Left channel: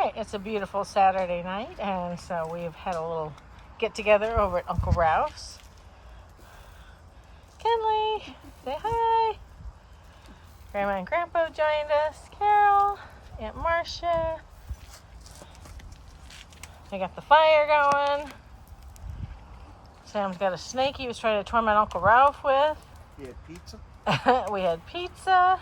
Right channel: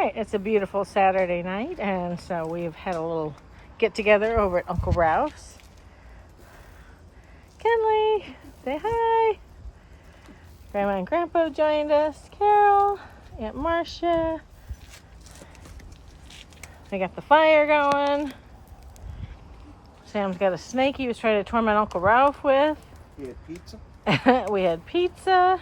Alright, it's a beautiful Saturday night, and so we've had a little get together over at Uncle Ralph's. Kenley, say hi. Grandma and Grandpa joined us. Carol, Aunt Marcia. We got the fire going. Sam's got a snake he was trying to torment Uncle Ralph with. He had pizza? We had pizza.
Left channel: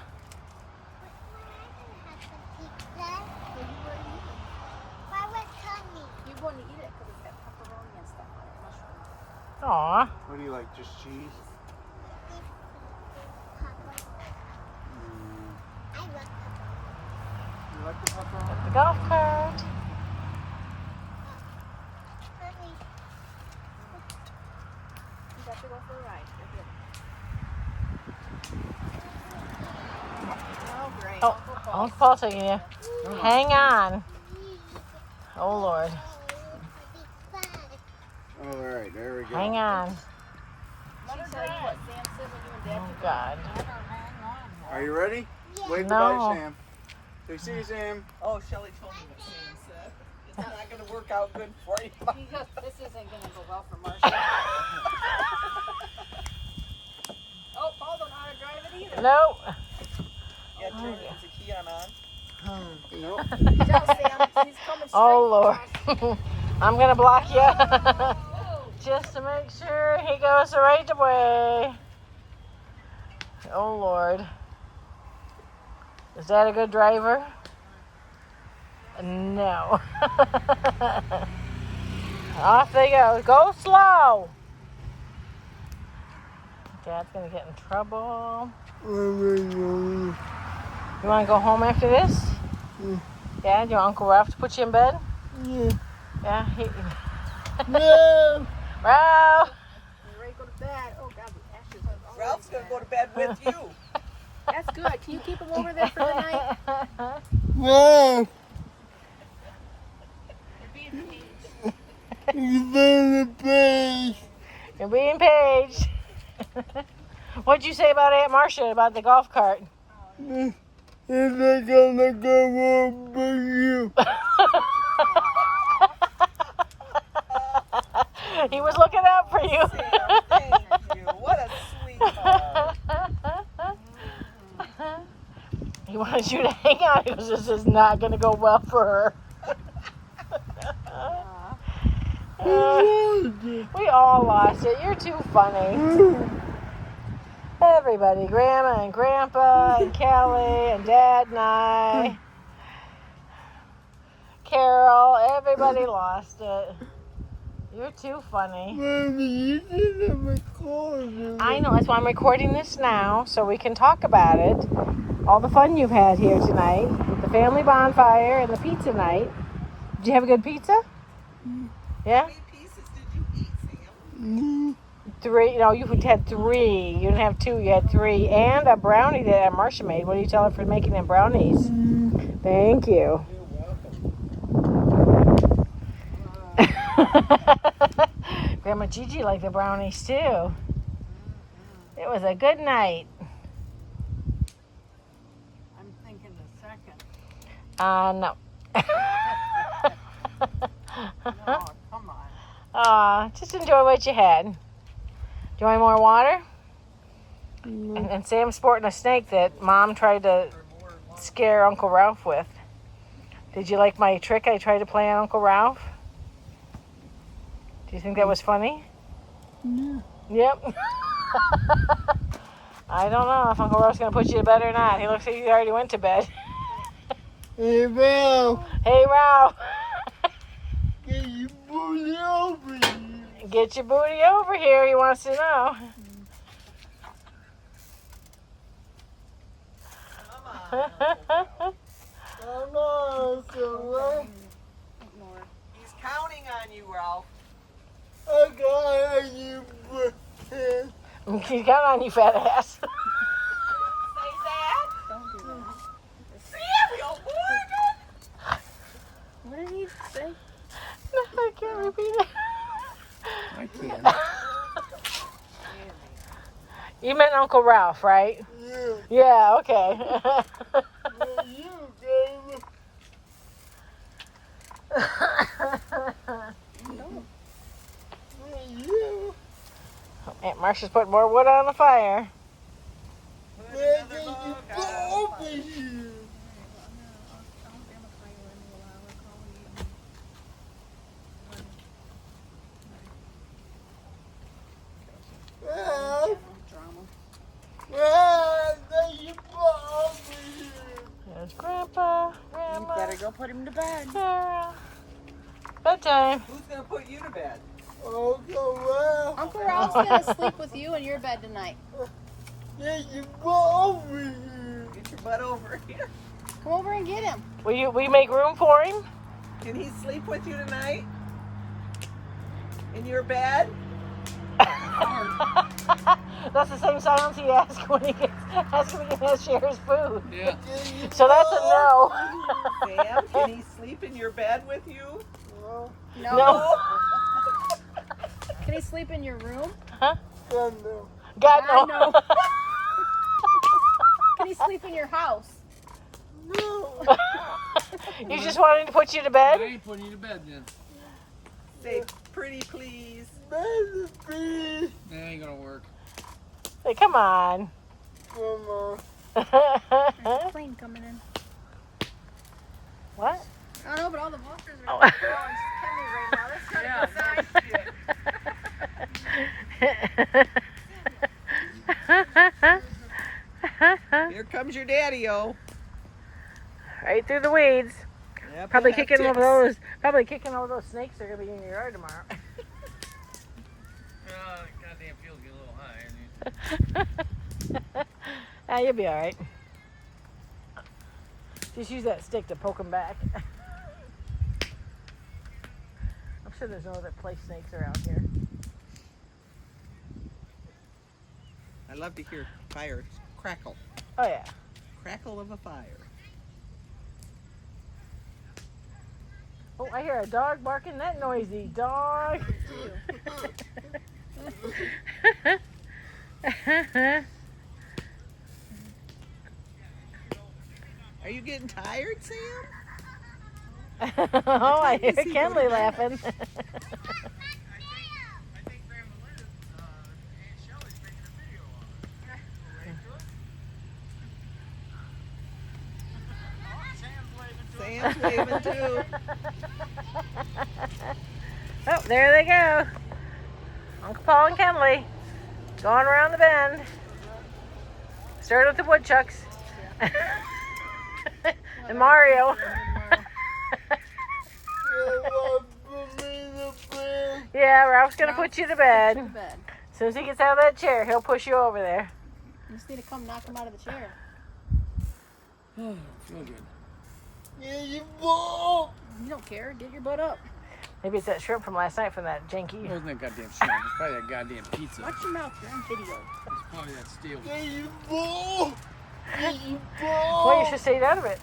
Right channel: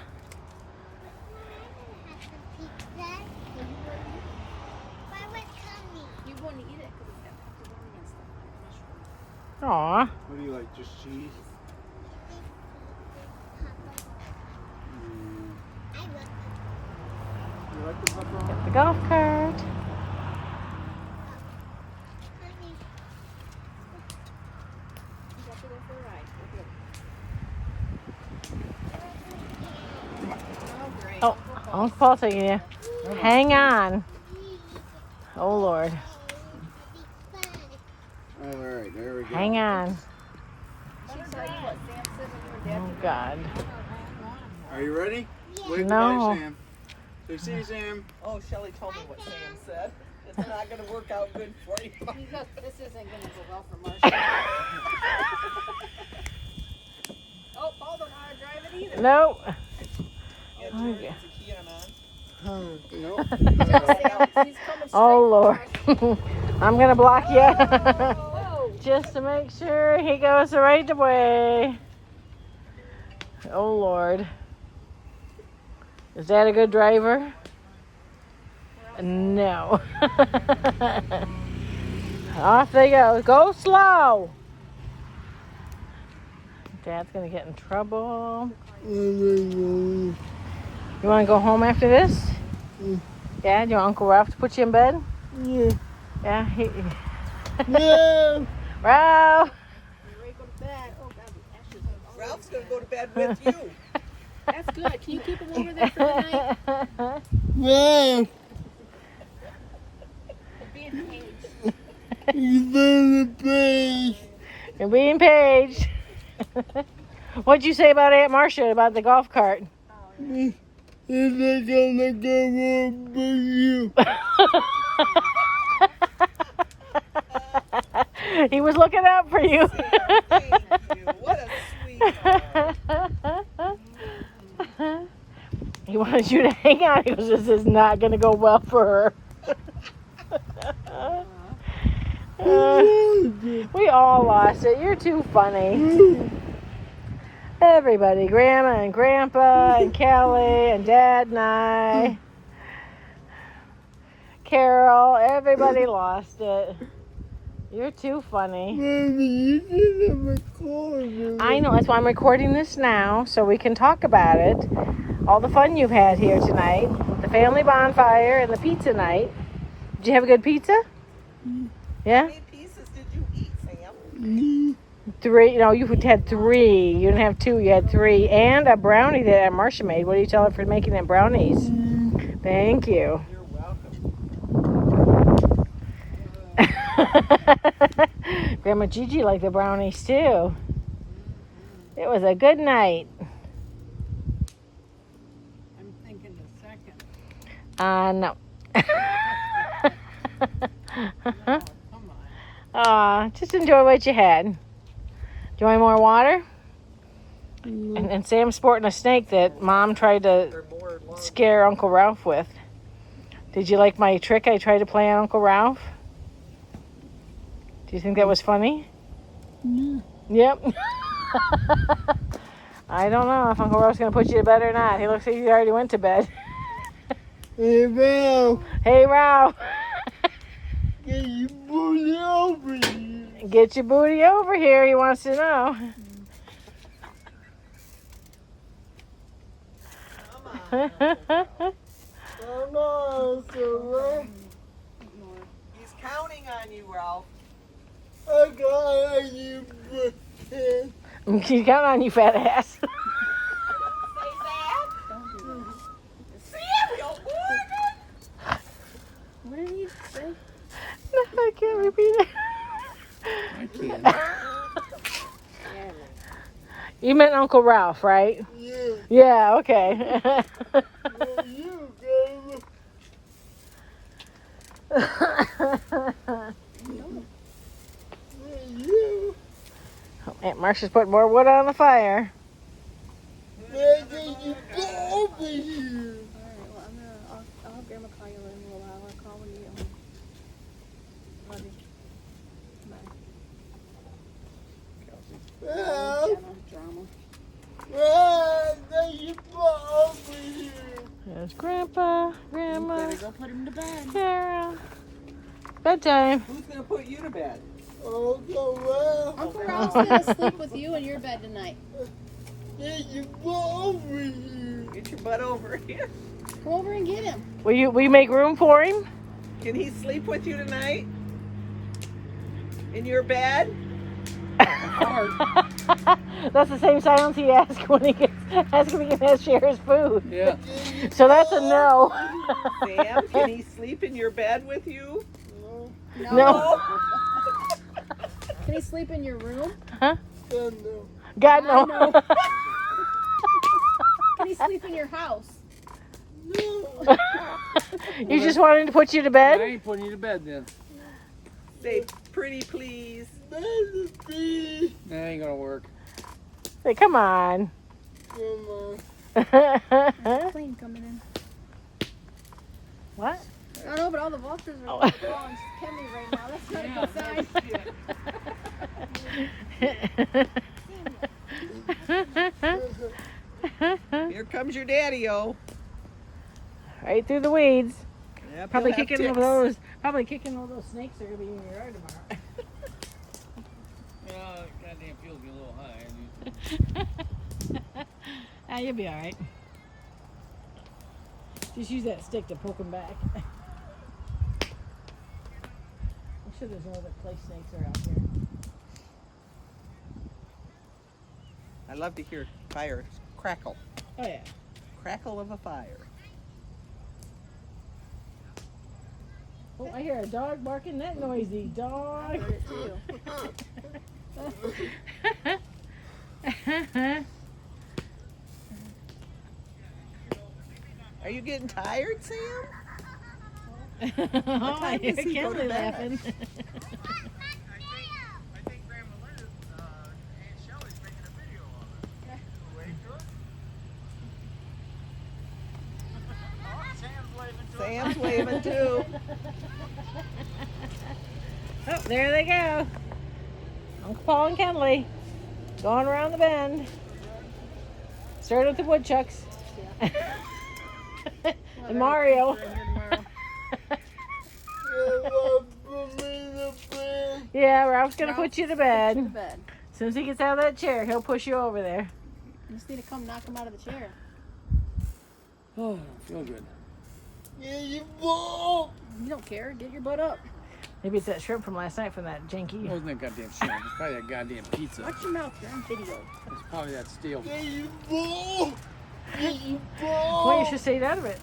You wouldn't eat it because it's got pepperoni and stuff on it, mushroom. Aw. What do you like, just cheese? I love pepperoni. You like the pepperoni? Golf cart. Honey, You got to go for a ride. You're good. Oh, great. Oh, Uncle Paul. Uncle Paul taking you. Come on. Hang on. Oh, Lord. Oh, all right, there we go. Hang on. Let her drive. What Sam said when you and Dad Oh, could God. Are you ready? Yeah. Wave goodbye, No. Sam. Say, see you, Sam. Oh, Shelley told me what Sam said. It's not going to work out good for you. Because this isn't going to go well for Marcia. Oh, Paul don't know how to drive it either. No. Yeah, turn it. Is the key on? Nope. Now, Sam, he's coming straight Oh, for Lord. us. I'm going to block you. Whoa. Just to make sure he goes the right way. Oh, Lord. Is that a good driver? No. Off they go. Go slow. Dad's going to get in trouble. You want to go home after this? Dad, your Uncle Ralph to put you in bed? Yeah. No. Ralph. You're ready to go to bed. Oh, God, the ashes are already Ralph's going to bad. go to bed with you. That's good. Can you keep him over there for the night? No. Be in cage. You're being paged. What'd you say about Aunt Marcia about the golf cart? Oh, yeah. He was looking out for you. Sam, thank you. What a sweetheart. He wanted you to hang on. He was, this is not going to go well for her. We all lost it. You're too funny. Everybody, Grandma and Grandpa and Kelly and Dad and I. Carol, everybody lost it. You're too funny. I know, that's why I'm recording this now, so we can talk about it. All the fun you've had here tonight. The family bonfire and the pizza night. Did you have a good pizza? Yeah? How many pieces did you eat, Sam? 3. No, you had 3. You didn't have 2, you had 3. And a brownie that Aunt Marcia made. What do you tell her for making them brownies? Thank you. You're welcome. Grandma Gigi liked the brownies too. It was a good night. I'm thinking the second. No. No, come on. Just enjoy what you had. Do you want more water? And Sam's sporting a snake that Mom tried to For more and more. scare Uncle Ralph with. Did you like my trick I tried to play on Uncle Ralph? Do you think that was funny? No. Yep. I don't know if Uncle Ralph's going to put you to bed or not. He looks like he already went to bed. Hey, Ralph. Hey, Ralph. Get your booty over here. Get your booty over here, he wants to know. Come on, He's counting on you, Ralph. He got on you, fat ass. Say that. Don't do that. Samuel, boy. What did he say? No, I can't repeat it. I can. You meant Uncle Ralph, right? Yeah. Yeah, okay. No. Aunt Marcia's putting more wood on the fire. Alright, well, I'll have Grandma call you in a little while. I'll call when you get home. Love you. Bye. Drama. There's Grandpa, Grandma. You better go put him to bed. Carol. Bedtime. Who's gonna put you to bed? Uncle Ralph's gonna sleep with you in your bed tonight. Get your butt over here. Come over and get him. Will you make room for him? Can he sleep with you tonight? In your bed? That's the same silence he asks when he has shares food. Yeah. So that's a no. Sam, can he sleep in your bed with you? No. Can he sleep in your room? Huh? God, no. Can he sleep in your house? You just wanted to put you to I bed? ain't putting you to bed then. Say pretty please. That ain't gonna work. Say, come on. There's a plane coming in. What? I don't know, but all the vultures are Oh. on Kenley right now. Let's go inside. Here comes your daddy-o. Right through the weeds. Yep, Probably he'll have kicking over ticks. those snakes that are gonna be in your yard tomorrow. Goddamn feels get a little high. Ah, you'll be all right. Just use that stick to poke them back. I'm sure there's no other place snakes are out here. I love to hear fire crackle. Oh yeah. Crackle of a fire. Oh, I hear a dog barking. That noisy dog. Are you getting tired, Sam? Oh, I hear does he go to Kenley bed? laughing. I think Grandma Liz, Aunt Shelley's making a video of it. Ready to it? Sam's waving too. Oh, there they go. Uncle Paul and Kenley going around the bend. Started with the woodchucks. And Mario. Yeah, Ralph's gonna put you to bed. To bed. As soon as he gets out of that chair, he'll push you over there. You just need to come knock him out of the chair. Oh, feel good. You don't care. Get your butt up. Maybe it's that shrimp from last night from that janky. It wasn't that goddamn shrimp. It's probably that goddamn pizza. Watch your mouth. You're on video. It's probably that steel. Well, you should stay out of it.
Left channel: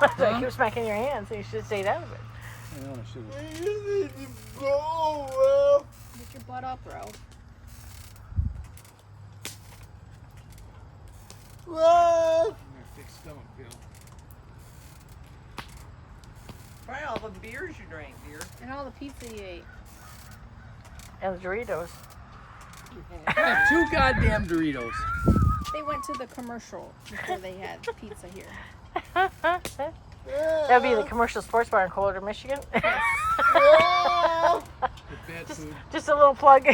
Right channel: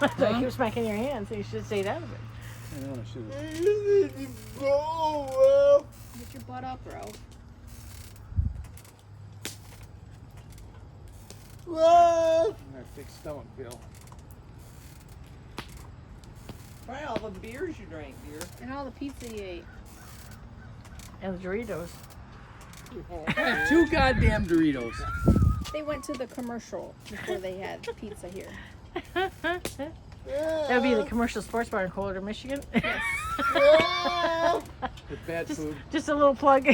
I keep smacking your hands, so you should stay out of it. I know I should have. Get your butt up, Ralph. My thick stomach, Bill. Try all the beers you drank, dear. And all the pizza you ate. And the Doritos. I have 2 goddamn Doritos. They went to the commercial before they had pizza here. That'd be the commercial sports bar in Coldwater, Michigan. With bad food. Just a little plug.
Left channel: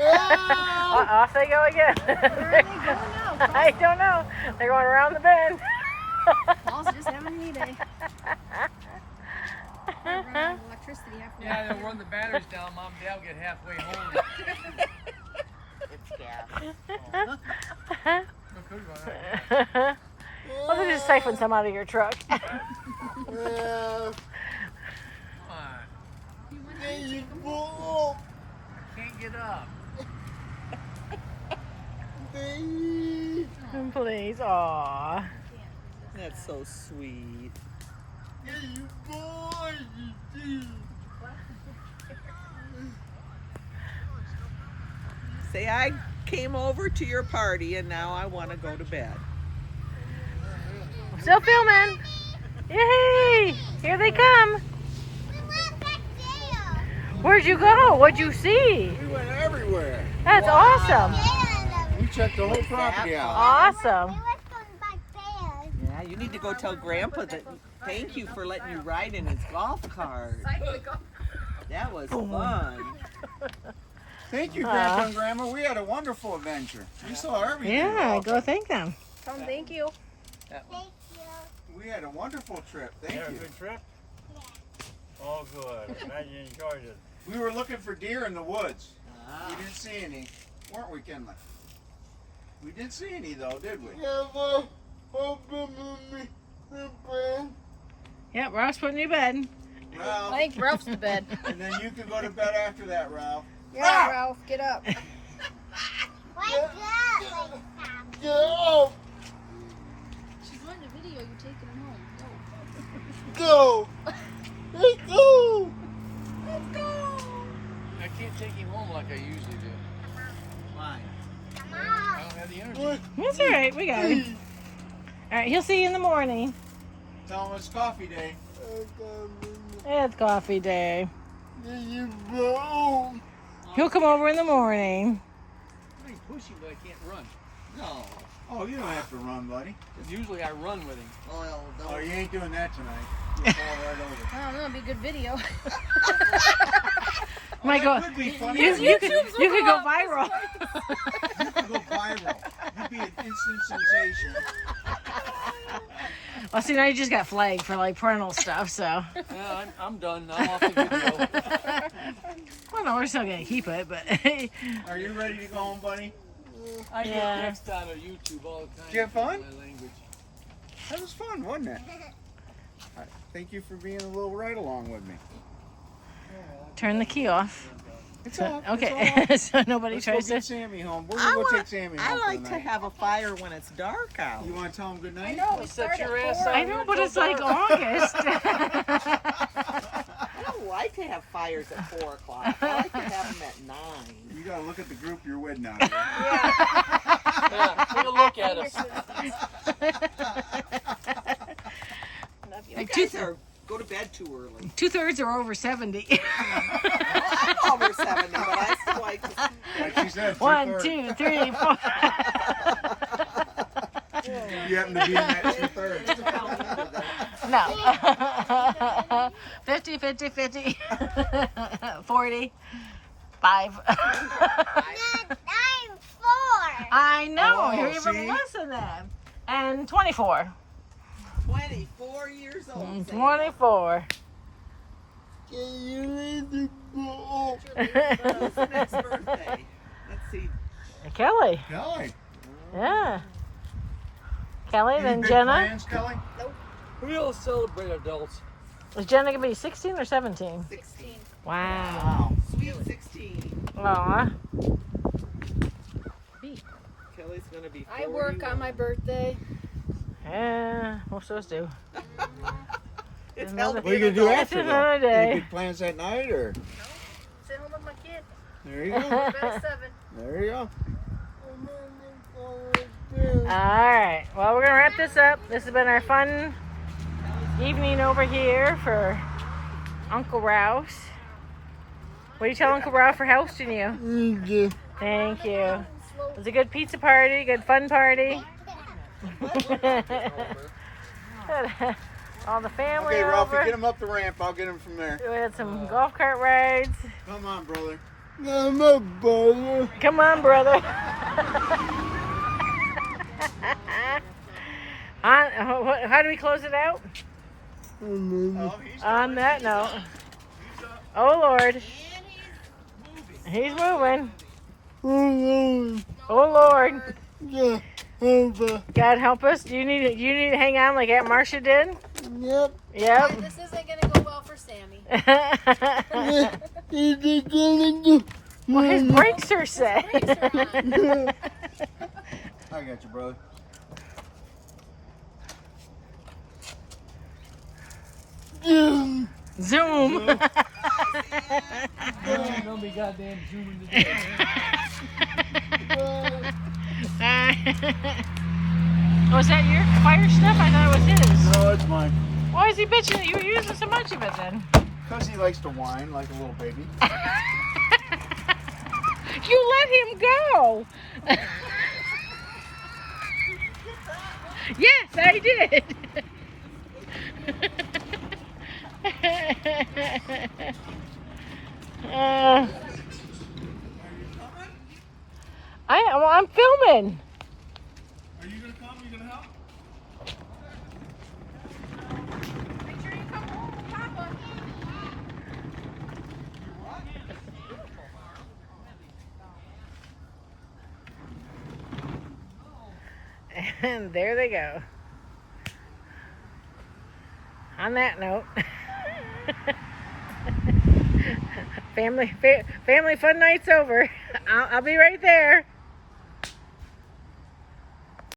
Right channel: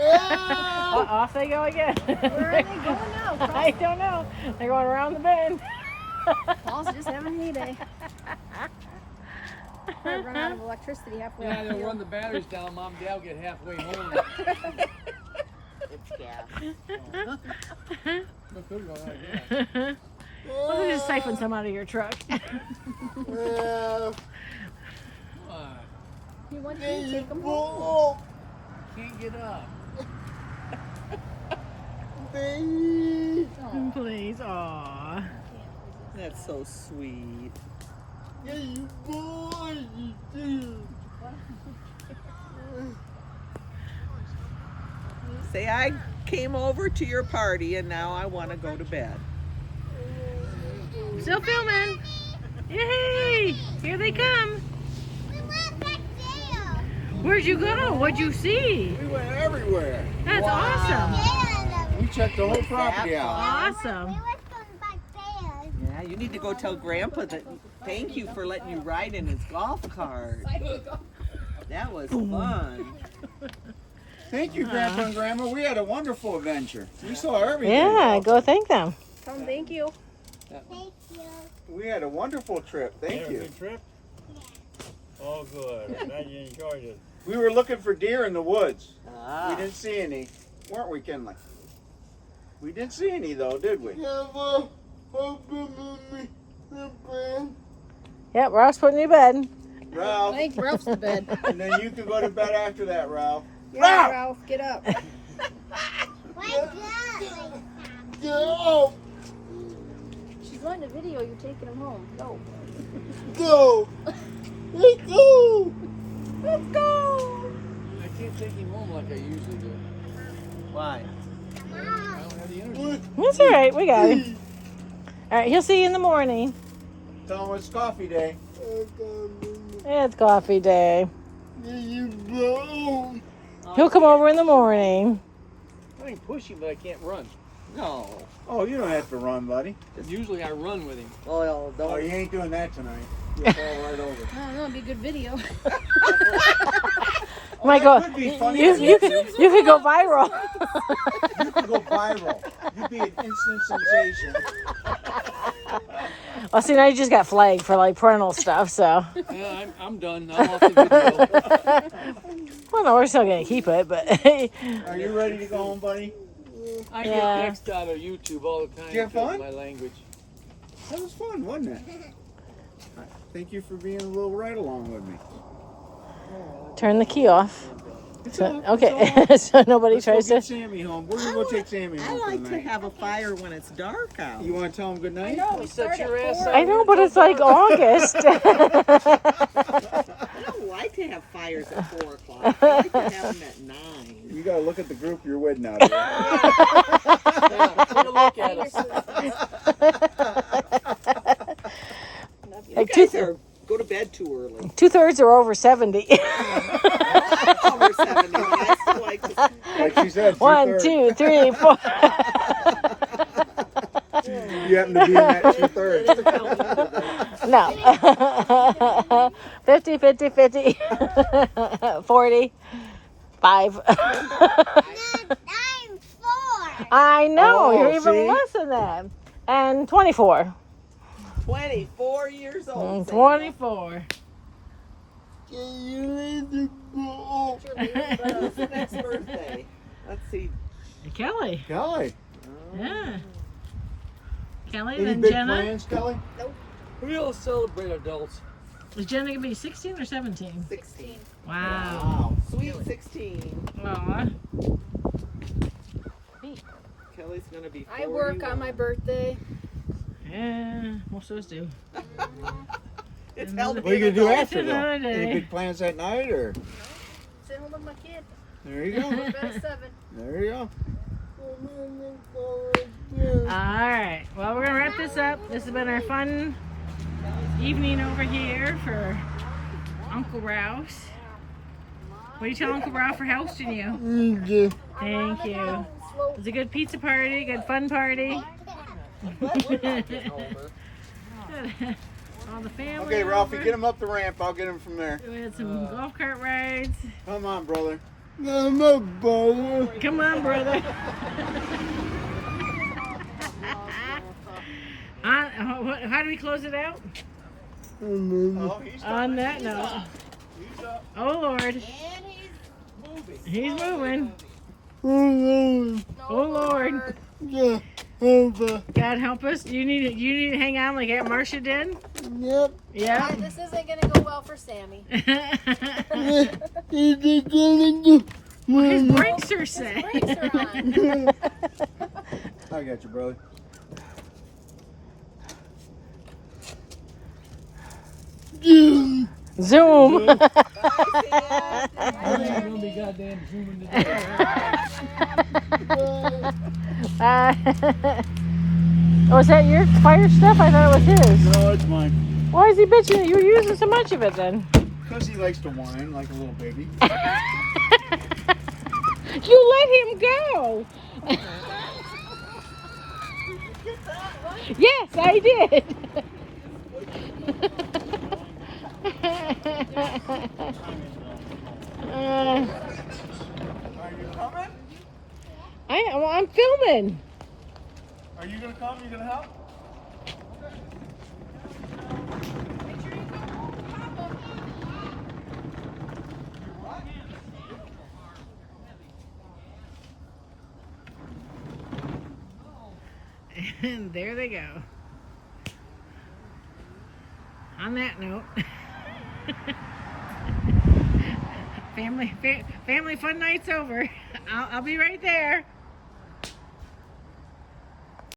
Off they go again. Where are they going now? I don't know. They're going around the bend. Paul's just having a heyday. We're running out of electricity halfway. Yeah, up they'll the run hill. the batteries down, Mom and Dad will get halfway home. It's gas. Look who's going on. Well, they just siphon some out of your truck. Come on. You want to take them home? Can't get up. Please, aw. That's so sweet. Say, I came over to your party and now I want to go to bed. Still filming. Yay! Here they come. Where'd you go? What'd you see? We went everywhere. That's awesome. Yeah, We checked the whole property out. Awesome. we were going back there. Yeah, you need to go tell Grandpa that thank you for letting you ride in his golf cart. That was fun. Thank you, Grandpa and Grandma. We had a wonderful adventure. We saw everything. Yeah, go thank them. Tell him thank you. Thank you. We had a wonderful trip. Thank you. Good trip? Yeah. Oh, good. Glad you enjoyed it. We were looking for deer in the woods. Ah. We didn't see any, weren't we, Kinley? We didn't see any though, did we? Yep, Ralph's putting you to bed. Ralph, I think Ralph's to bed. and then you can go to bed after that, Ralph. Yeah, Ralph, get up. Wake up, wake Go! She's wanting a video. You're taking him home. Go. Go! Let's go! Let's go. I can't take him home like I usually do. Why? I don't have the energy. That's all right. We got him. All right, he'll see you in the morning. Tell him it's coffee day. It's coffee day. You go! He'll come over in the morning. I can push him, but I can't run. No. Oh, you don't have to run, buddy. Usually I run with him. Well, Oh, don't. you ain't doing that tonight. You'll fall right over. I don't know. It'd be a good video. Michael, That could be funny. you could go viral. You could go viral. You'd be an instant sensation. Well, see, now you just got flagged for like parental stuff, so. Yeah, I'm done. I'm off the video. Well, no, we're still gonna keep it, but. Are you ready to go home, buddy? I Yeah. get text out of YouTube all the time. Did you have because fun? of my language. That was fun, wasn't it? All right, thank you for being a little ride along with me. Turn the key off. It's So, all okay, so nobody Let's go tries get to. Sammy home. We're gonna go take Sammy home I for like the to night. have a fire when it's dark out. You want to tell him good night? No, Set start your at ass 4. I know, but it's like August. I don't like to have fires at 4 o'clock. I like to have them at 9. You gotta look at the group you're with now. Dear. Yeah, take a look at us. You guys go to bed too early. 2/3 are over 70. I'm over 70, but I still like to. Like she said, 1, 2/3. 2, 3, 4. You happen to be in that 2/3. No. 50, 50, 50. 40. 5. I'm 4. I know, Oh, you're even see? less than that. And 24. 24 years old. 24. Who's the next birthday? Let's see. Kelly. Kelly, Yeah. Kelly, any then big Jenna. plans, Kelly? We all celebrate adults. Is Jenna going to be 16 or 17? 16. Wow. Wow. Sweet 16. Aw. Kelly's gonna be 41. I work on my birthday. Yeah, most of us do. It's hell to What are you be gonna an do adult. after though? Another day. Any big plans that night, or Sit home with my kid. there you go, Go to bed at 7. there you go. Alright, well, we're going to wrap this up. This has been our fun evening over here for Uncle Ralph's. What do you tell Uncle Ralph for hosting you? Thank you. It was a good pizza party, good fun party. All the family Okay, Ralphie, over. get him up the ramp. I'll get him from there. We had some golf cart rides. Come on, brother. I'm a brother. Come on, brother. How do we close it out? Oh, he's On that note. He's up. Oh, Lord. He's moving. Oh, Lord. God help us. You need to hang on like Aunt Marcia did? Yep. Yep. This isn't going to go well for Sammy. His brakes are set. Brakes are on. I got you, brother. Zoom. Bye, Sam. You're gonna be goddamn zooming today. Oh, is that your fire stuff? I thought it was his. No, it's mine. Why is he bitching? You were using so much of it then. Because he likes to whine like a little baby. You let him go. Yes, I did. Are you coming? I'm filming. Are you gonna come? You gonna help? And there they go. On that note, family fun night's over. I'll be right there.